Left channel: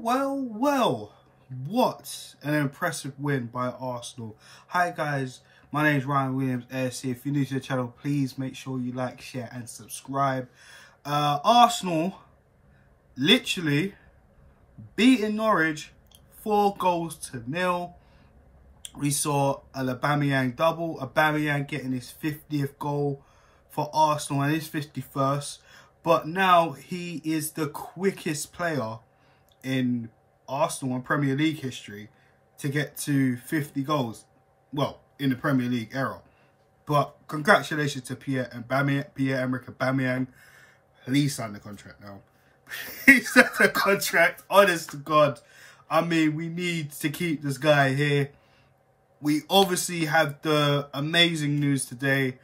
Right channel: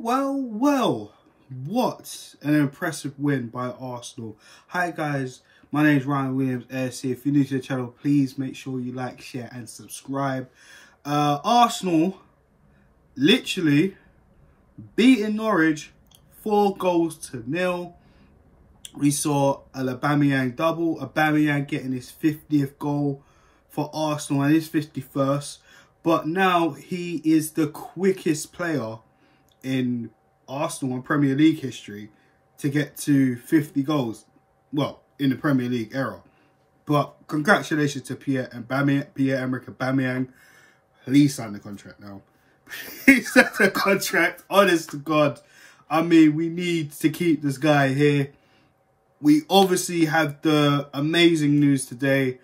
Well, what an impressive win by Arsenal. Hi guys, my name is Ryan Williams AFC. If you're new to the channel, please make sure you like, share and subscribe. Arsenal literally beating Norwich 4-0. We saw a Aubameyang double, Aubameyang getting his 50th goal for Arsenal and his 51st. But now he is the quickest player in Arsenal and Premier League history to get to 50 goals. Well, in the Premier League era. But congratulations to Pierre-Emerick Aubameyang. Please sign the contract now. Please sign the contract. Honest to God. I mean, we need to keep this guy here. We obviously have the amazing news today.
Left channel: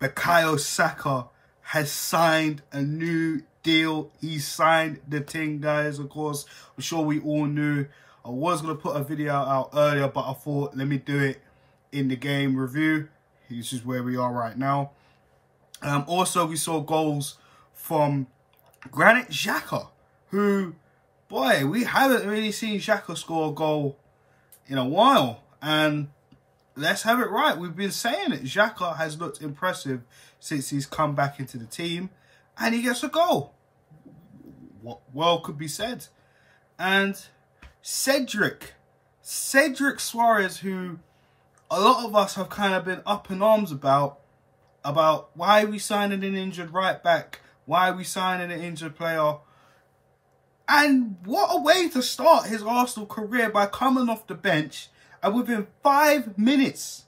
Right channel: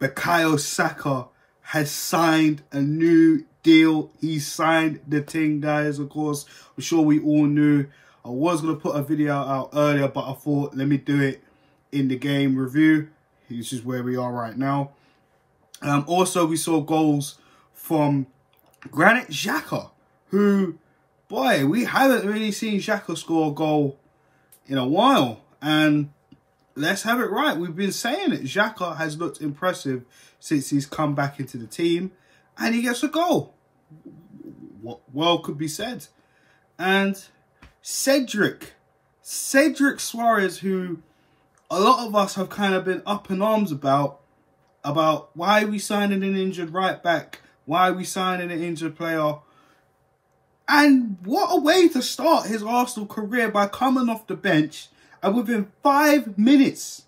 Bukayo Saka has signed a new deal. He signed the ting, guys. Of course, I'm sure we all knew. I was going to put a video out earlier, but I thought, let me do it in the game review. This is where we are right now. Also, we saw goals from Granit Xhaka, who, boy, we haven't really seen Xhaka score a goal in a while. And let's have it right. We've been saying it. Xhaka has looked impressive since he's come back into the team. And he gets a goal. What well could be said. And Cedric Suarez, who a lot of us have kind of been up in arms about why are we signing an injured right back? Why are we signing an injured player? And what a way to start his Arsenal career by coming off the bench. And within 5 minutes,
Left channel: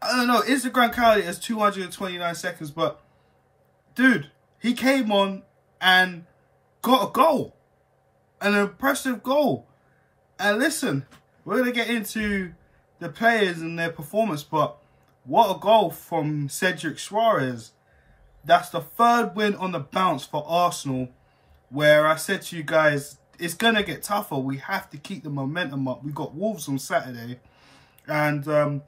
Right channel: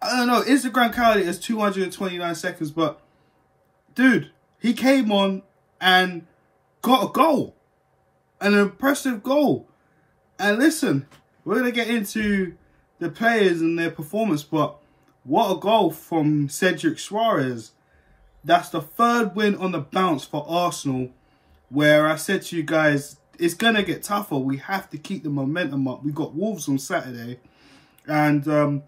I don't know, Instagram counted it as 229 seconds, but dude, he came on and got a goal. An impressive goal. And listen, we're going to get into the players and their performance, but what a goal from Cedric Suarez. That's the third win on the bounce for Arsenal, where I said to you guys, it's going to get tougher. We have to keep the momentum up. We got Wolves on Saturday. And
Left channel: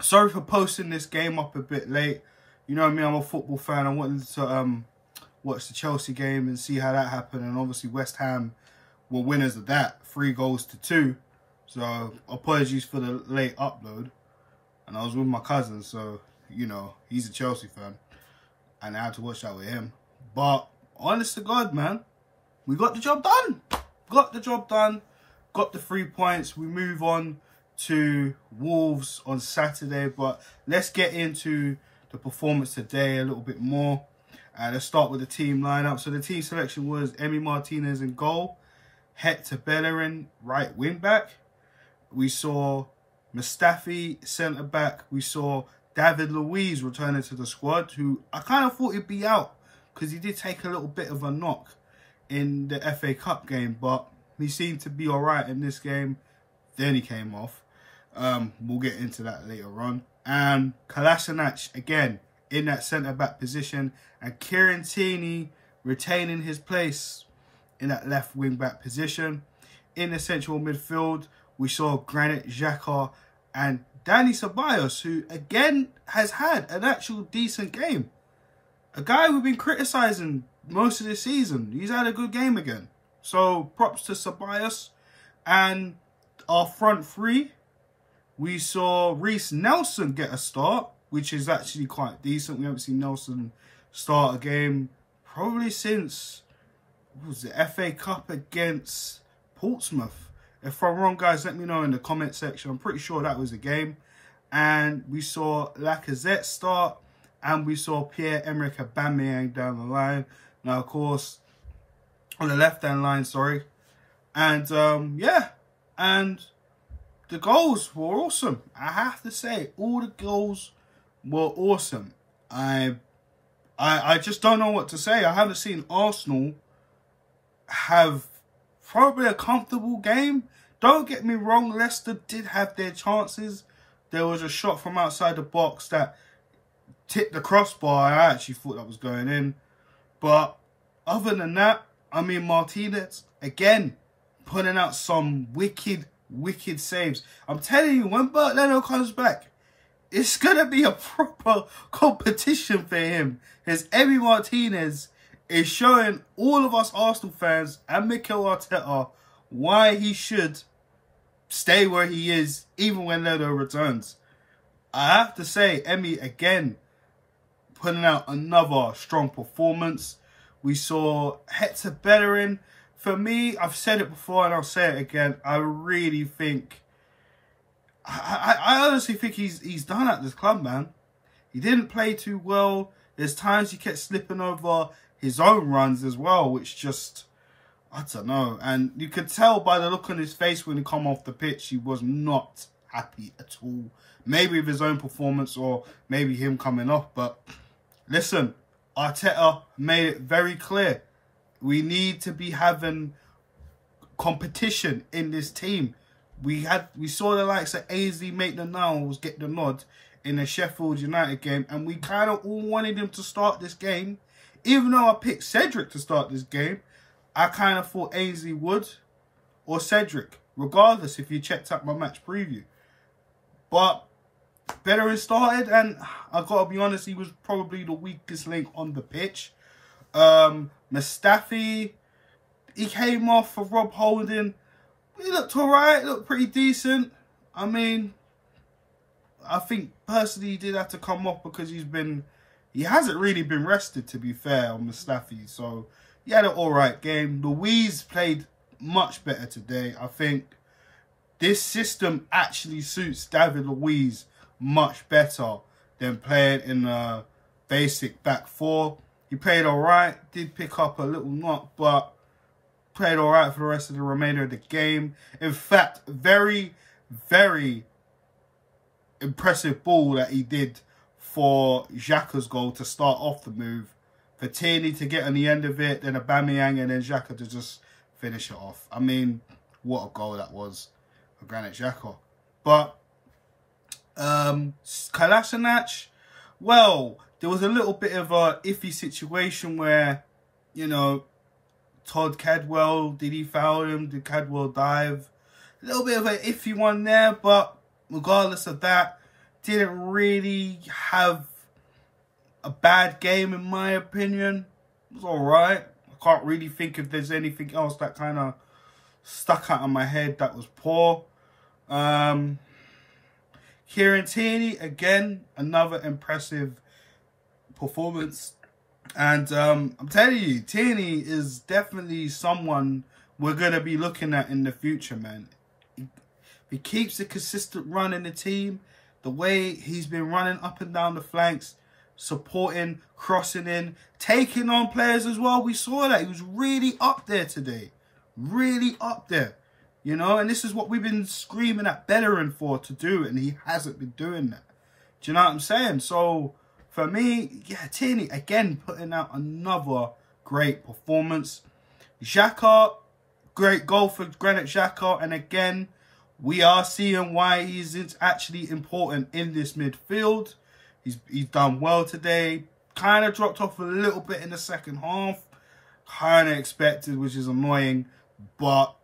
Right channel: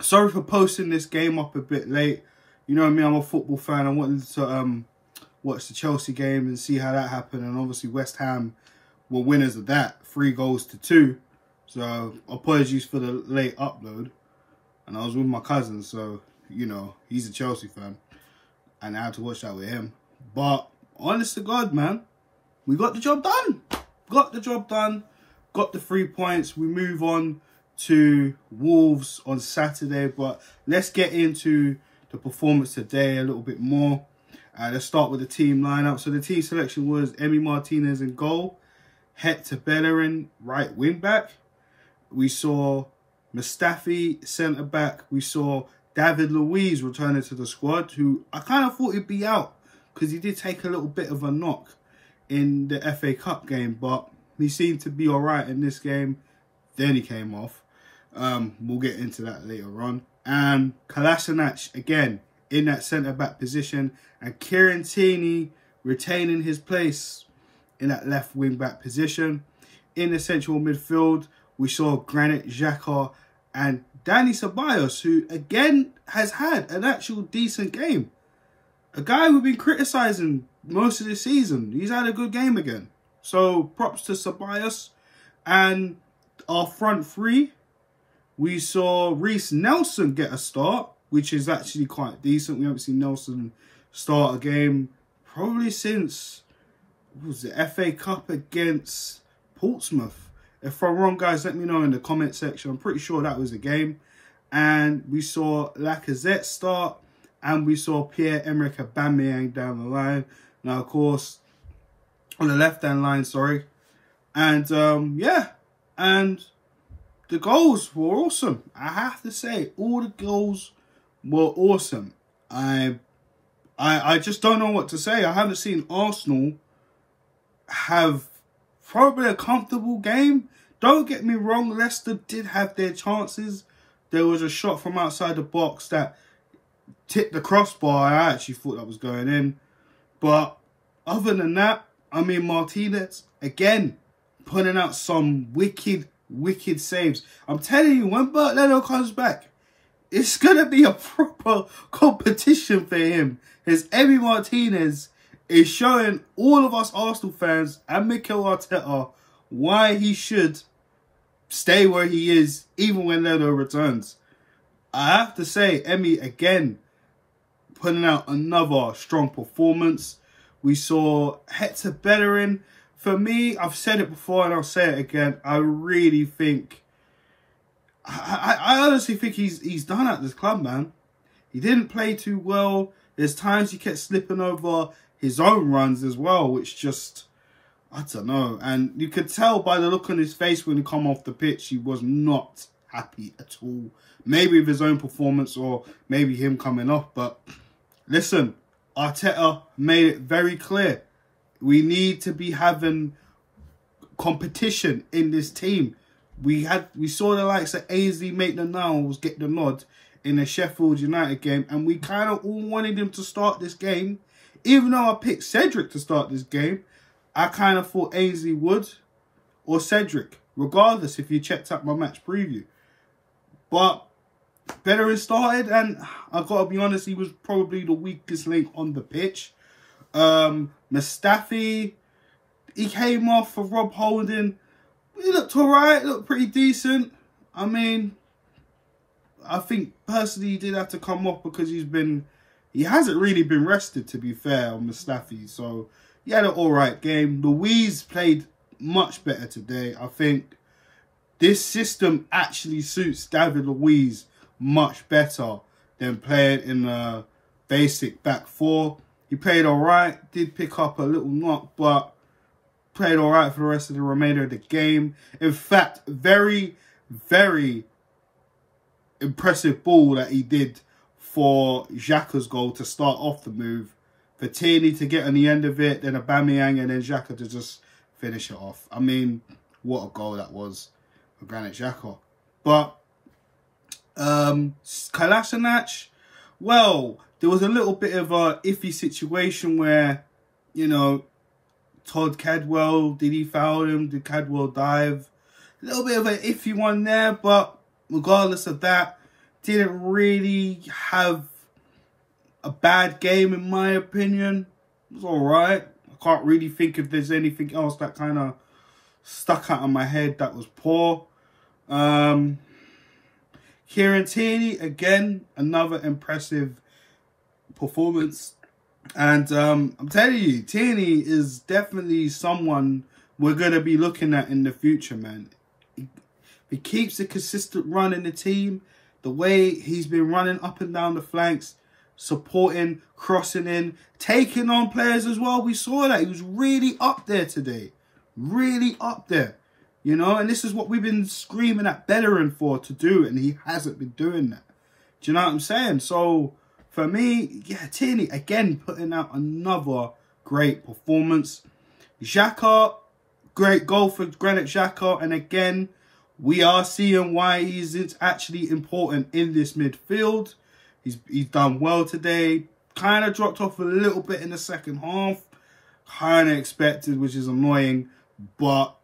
sorry for posting this game up a bit late. You know what I mean? I'm a football fan. I wanted to watch the Chelsea game and see how that happened. And obviously West Ham were winners of that. 3-2. So apologies for the late upload. And I was with my cousin. So, you know, he's a Chelsea fan. And I had to watch that with him. But honest to God, man, we got the job done. Got the job done. Got the 3 points. We move on to Wolves on Saturday. But let's get into the performance today a little bit more. Let's start with the team lineup. So the team selection was Emi Martinez in goal. Hector Bellerin, right wing back. We saw Mustafi, centre back. We saw David Luiz returning to the squad, who I kind of thought he'd be out because he did take a little bit of a knock in the FA Cup game, but he seemed to be all right in this game. Then he came off. We'll get into that later on. And Kolasinac, again, in that centre-back position. And Kieran Tierney retaining his place in that left wing-back position. In the central midfield, we saw Granit Xhaka and Dani Ceballos, who, again, has had an actual decent game. A guy we've been criticising most of the season. He's had a good game again. So, props to Ceballos. And our front three, we saw Reece Nelson get a start, which is actually quite decent. We haven't seen Nelson start a game probably since, what was it, FA Cup against Portsmouth. If I'm wrong, guys, let me know in the comment section. I'm pretty sure that was a game. And we saw Lacazette start. And we saw Pierre-Emerick Aubameyang down the line. Now, of course, on the left-hand line, sorry. And, yeah. And the goals were awesome. I have to say, all the goals were awesome. I just don't know what to say. I haven't seen Arsenal have probably a comfortable game. Don't get me wrong, Leicester did have their chances. There was a shot from outside the box that tipped the crossbar. I actually thought that was going in. But other than that, I mean, Martinez, again, putting out some wicked saves. I'm telling you, when Bert Leno comes back, it's going to be a proper competition for him. Because Emi Martinez is showing all of us Arsenal fans and Mikel Arteta why he should stay where he is, even when Leno returns. I have to say, Emmy, again, putting out another strong performance. We saw Hector Bellerin. For me, I've said it before and I'll say it again, I really think, I honestly think he's done at this club, man. He didn't play too well. There's times he kept slipping over his own runs as well, which just, I don't know. And you could tell by the look on his face when he come off the pitch, he was not happy at all. Maybe with his own performance or maybe him coming off. But listen, Arteta made it very clear. We need to be having competition in this team. We saw the likes of Ainsley Maitland-Niles get the nod in the Sheffield United game, and we kind of all wanted him to start this game. Even though I picked Cedric to start this game, I kind of thought Ainsley would, or Cedric, regardless if you checked out my match preview. But Bellerin started, and I got to be honest, he was probably the weakest link on the pitch. Mustafi, he came off for Rob Holding. He looked alright, looked pretty decent. I mean, I think personally he did have to come off because he hasn't really been rested, to be fair, on Mustafi. So he had an alright game. Luiz played much better today. I think this system actually suits David Luiz much better than playing in a basic back four. He played alright, did pick up a little knock, but played alright for the rest of the remainder of the game. In fact, very, very impressive ball that he did for Xhaka's goal to start off the move. For Tierney to get on the end of it, then Aubameyang, and then Xhaka to just finish it off. I mean, what a goal that was for Granit Xhaka. But Kolasinac, well, there was a little bit of a iffy situation where, you know, Todd Cadwell, did he foul him? Did Cadwell dive? A little bit of an iffy one there, but regardless of that, didn't really have a bad game in my opinion. It was alright. I can't really think if there's anything else that kind of stuck out in my head that was poor. Kieran Tierney, again, another impressive performance. And I'm telling you, Tierney is definitely someone we're going to be looking at in the future, man. He keeps a consistent run in the team. The way he's been running up and down the flanks, supporting, crossing in, taking on players as well. We saw that. He was really up there today. Really up there. You know, and this is what we've been screaming at Bellerin for to do, and he hasn't been doing that. Do you know what I'm saying? So, for me, yeah, Tierney, again, putting out another great performance. Xhaka, great goal for Granit Xhaka. And again, we are seeing why he's actually important in this midfield. He's done well today. Kind of dropped off a little bit in the second half. Kind of expected, which is annoying. But,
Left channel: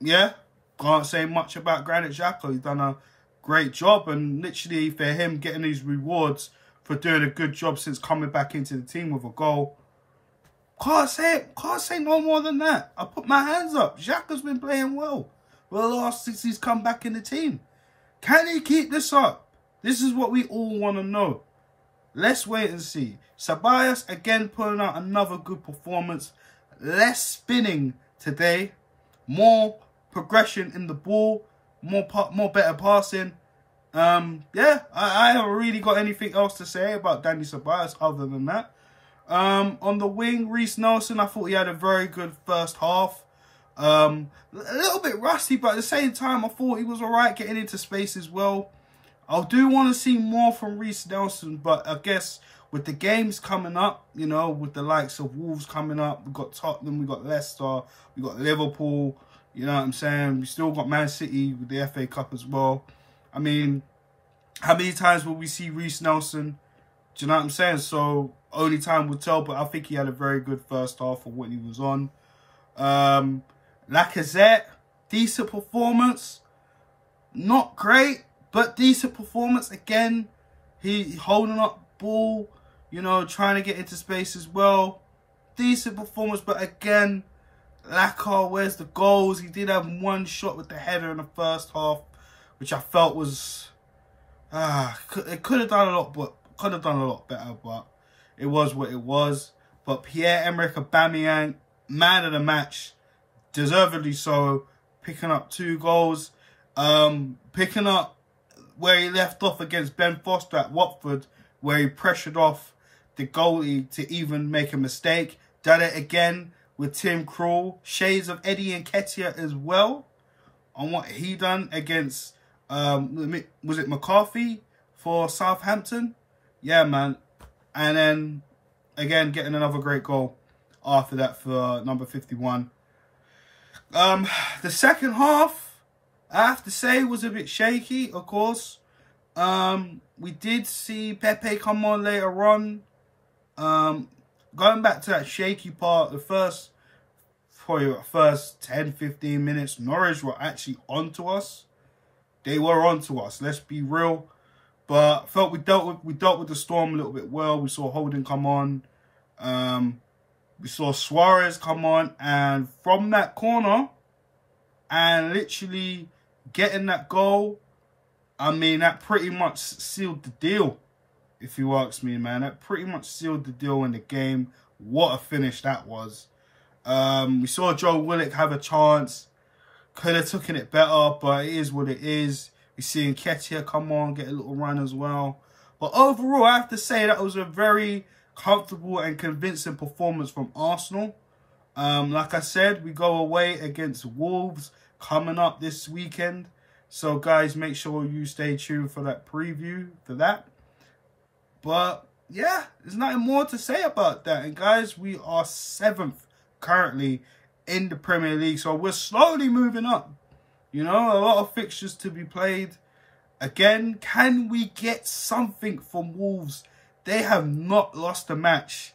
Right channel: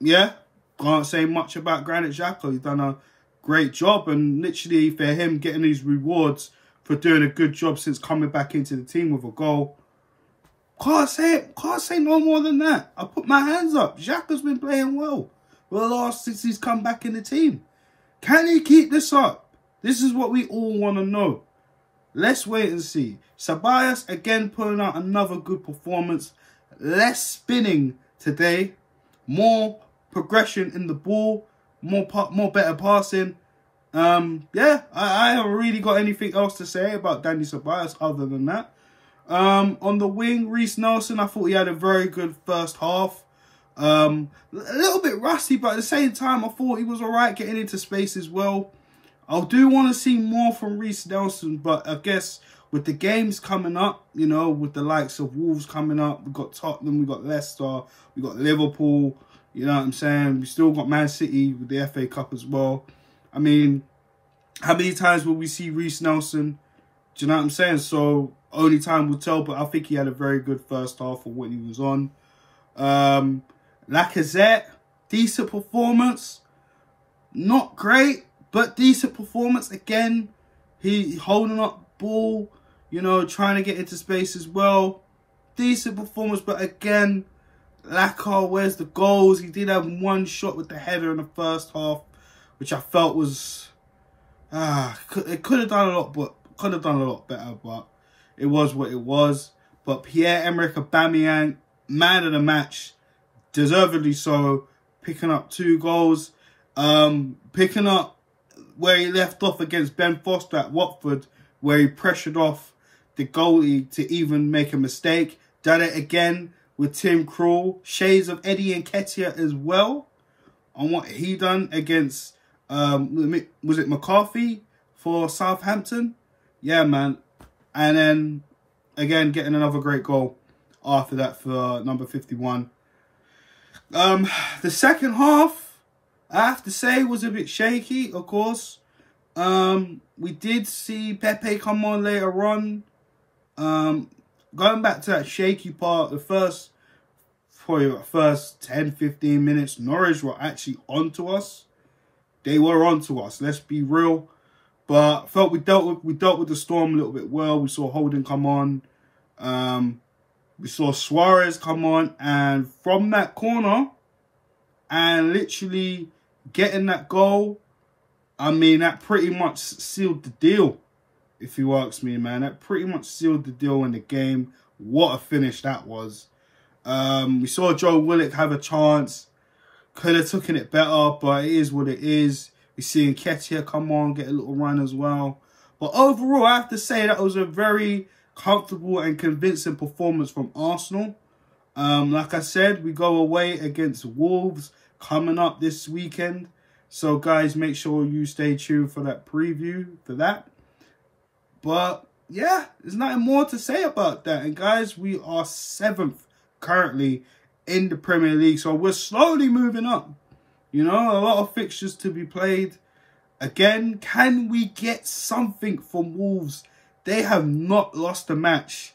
yeah, can't say much about Granit Xhaka. He's done a great job. And literally, for him getting these rewards for doing a good job since coming back into the team with a goal, can't say no more than that. I put my hands up. Xhaka's been playing well for the last since he's come back in the team. Can he keep this up? This is what we all want to know. Let's wait and see. Ceballos, again, putting out another good performance. Less spinning today. More progression in the ball. More better passing. Yeah, I haven't really got anything else to say about Dani Ceballos other than that. On the wing, Reiss Nelson, I thought he had a very good first half. A little bit rusty, but at the same time, I thought he was alright getting into space as well. I do want to see more from Reiss Nelson, but I guess with the games coming up, you know, with the likes of Wolves coming up, we've got Tottenham, we've got Leicester, we've got Liverpool, you know what I'm saying? We still got Man City with the FA Cup as well. I mean, how many times will we see Reiss Nelson? Do you know what I'm saying? So, only time will tell, but I think he had a very good first half for what he was on. Lacazette, decent performance. Not great, but decent performance. Again, he holding up ball, you know, trying to get into space as well. decent performance, but again, Xhaka, where's the goals? He did have one shot with the header in the first half, which I felt was it could have done a lot, but could have done a lot better. But it was what it was. But Pierre-Emerick Aubameyang, man of the match, deservedly so, picking up 2 goals, picking up where he left off against Ben Foster at Watford, where he pressured off the goalie to even make a mistake. Done it again with Tim Krul, shades of Eddie Nketiah as well, on what he done against, was it McCarthy for Southampton? Yeah, man. And then, again, getting another great goal after that for number 51. The second half, I have to say, was a bit shaky, of course. We did see Pepe come on later on. Going back to that shaky part, the first 10-15 minutes, Norwich were actually onto us. They were onto us, let's be real. But felt we dealt with the storm a little bit well. We saw Holding come on. We saw Suarez come on, and from that corner and literally getting that goal, I mean, that pretty much sealed the deal, if you ask me, man. That pretty much sealed the deal in the game. What a finish that was. We saw Joe Willock have a chance. Could have taken it better, but it is what it is. We see Nketiah come on, get a little run as well. But overall, I have to say that was a very comfortable and convincing performance from Arsenal. Like I said, we go away against Wolves coming up this weekend. So, guys, make sure you stay tuned for that preview for that. But, yeah, there's nothing more to say about that. And, guys, we are 7th currently in the Premier League. So, we're slowly moving up. You know, a lot of fixtures to be played. Again, can we get something from Wolves? They have not lost a match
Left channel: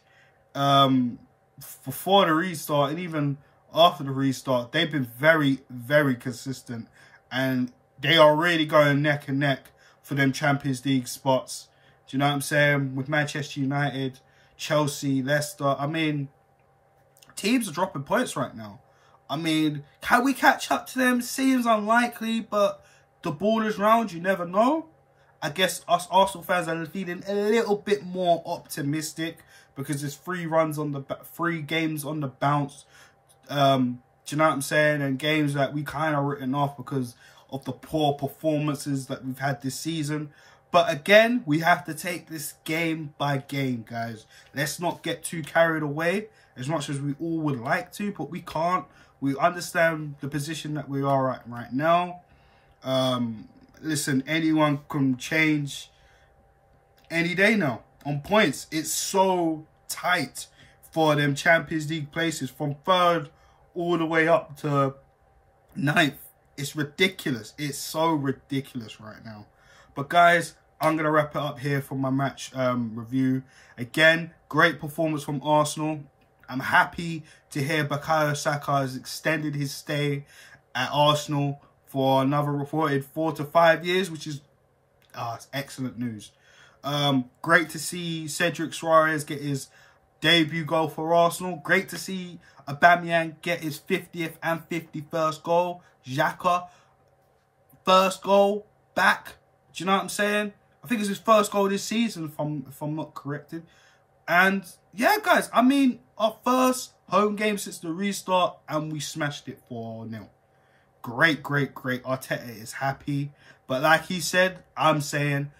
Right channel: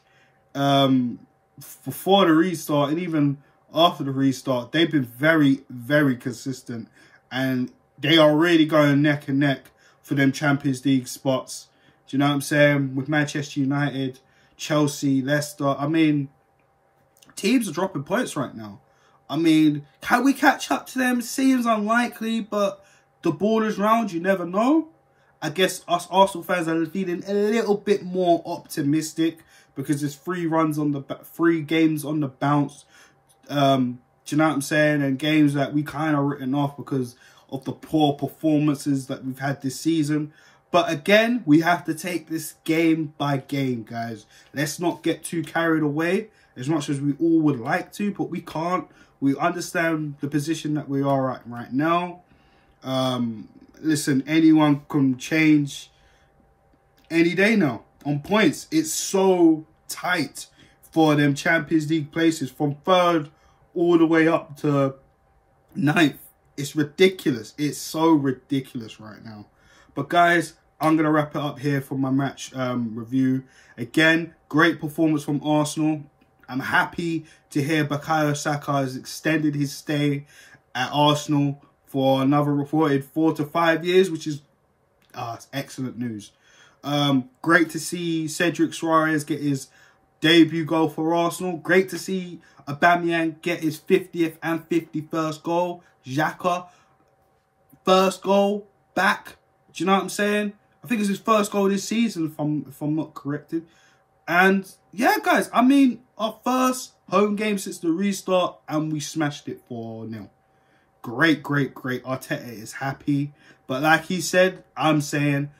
before the restart, and even after the restart. They've been very, very consistent. And they are really going neck and neck for them Champions League spots. Do you know what I'm saying? With Manchester United, Chelsea, Leicester. I mean, teams are dropping points right now. I mean, can we catch up to them? Seems unlikely, but the ball is round. You never know. I guess us Arsenal fans are feeling a little bit more optimistic because there's 3 games on the bounce. Do you know what I'm saying? And games that we kind of written off because of the poor performances that we've had this season. But again, we have to take this game by game, guys. Let's not get too carried away as much as we all would like to, but we can't. We understand the position that we are at right now. Listen, anyone can change any day now on points. It's so tight for them Champions League places from 3rd all the way up to 9th. It's ridiculous. It's so ridiculous right now. But guys, I'm going to wrap it up here for my match review. Again, great performance from Arsenal. I'm happy to hear Bukayo Saka has extended his stay at Arsenal for another reported 4 to 5 years, which is excellent news. Great to see Cedric Suarez get his debut goal for Arsenal. Great to see Aubameyang get his 50th and 51st goal. Xhaka, first goal back. Do you know what I'm saying? I think it's his first goal this season, if I'm not corrected. And yeah, guys, I mean, our first home game since the restart, and we smashed it 4-0. Great, great, great. Arteta is happy. But like he said, I'm saying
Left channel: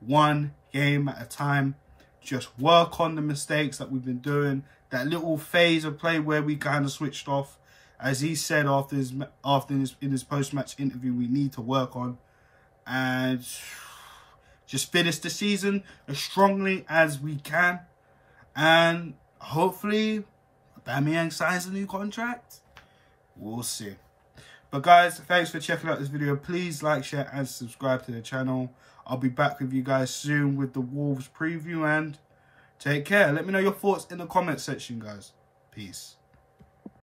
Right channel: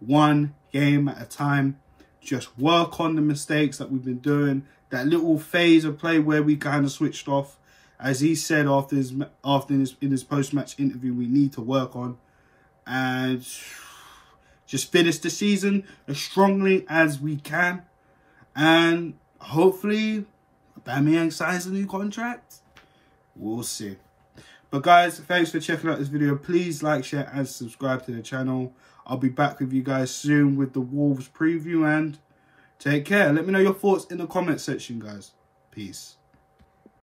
1 game at a time. Just work on the mistakes that we've been doing. That little phase of play where we kind of switched off. As he said in his post-match interview, we need to work on. And just finish the season as strongly as we can. And hopefully, Aubameyang signs a new contract. We'll see. But guys, thanks for checking out this video. Please like, share, and subscribe to the channel. I'll be back with you guys soon with the Wolves preview. And take care. Let me know your thoughts in the comment section, guys. Peace.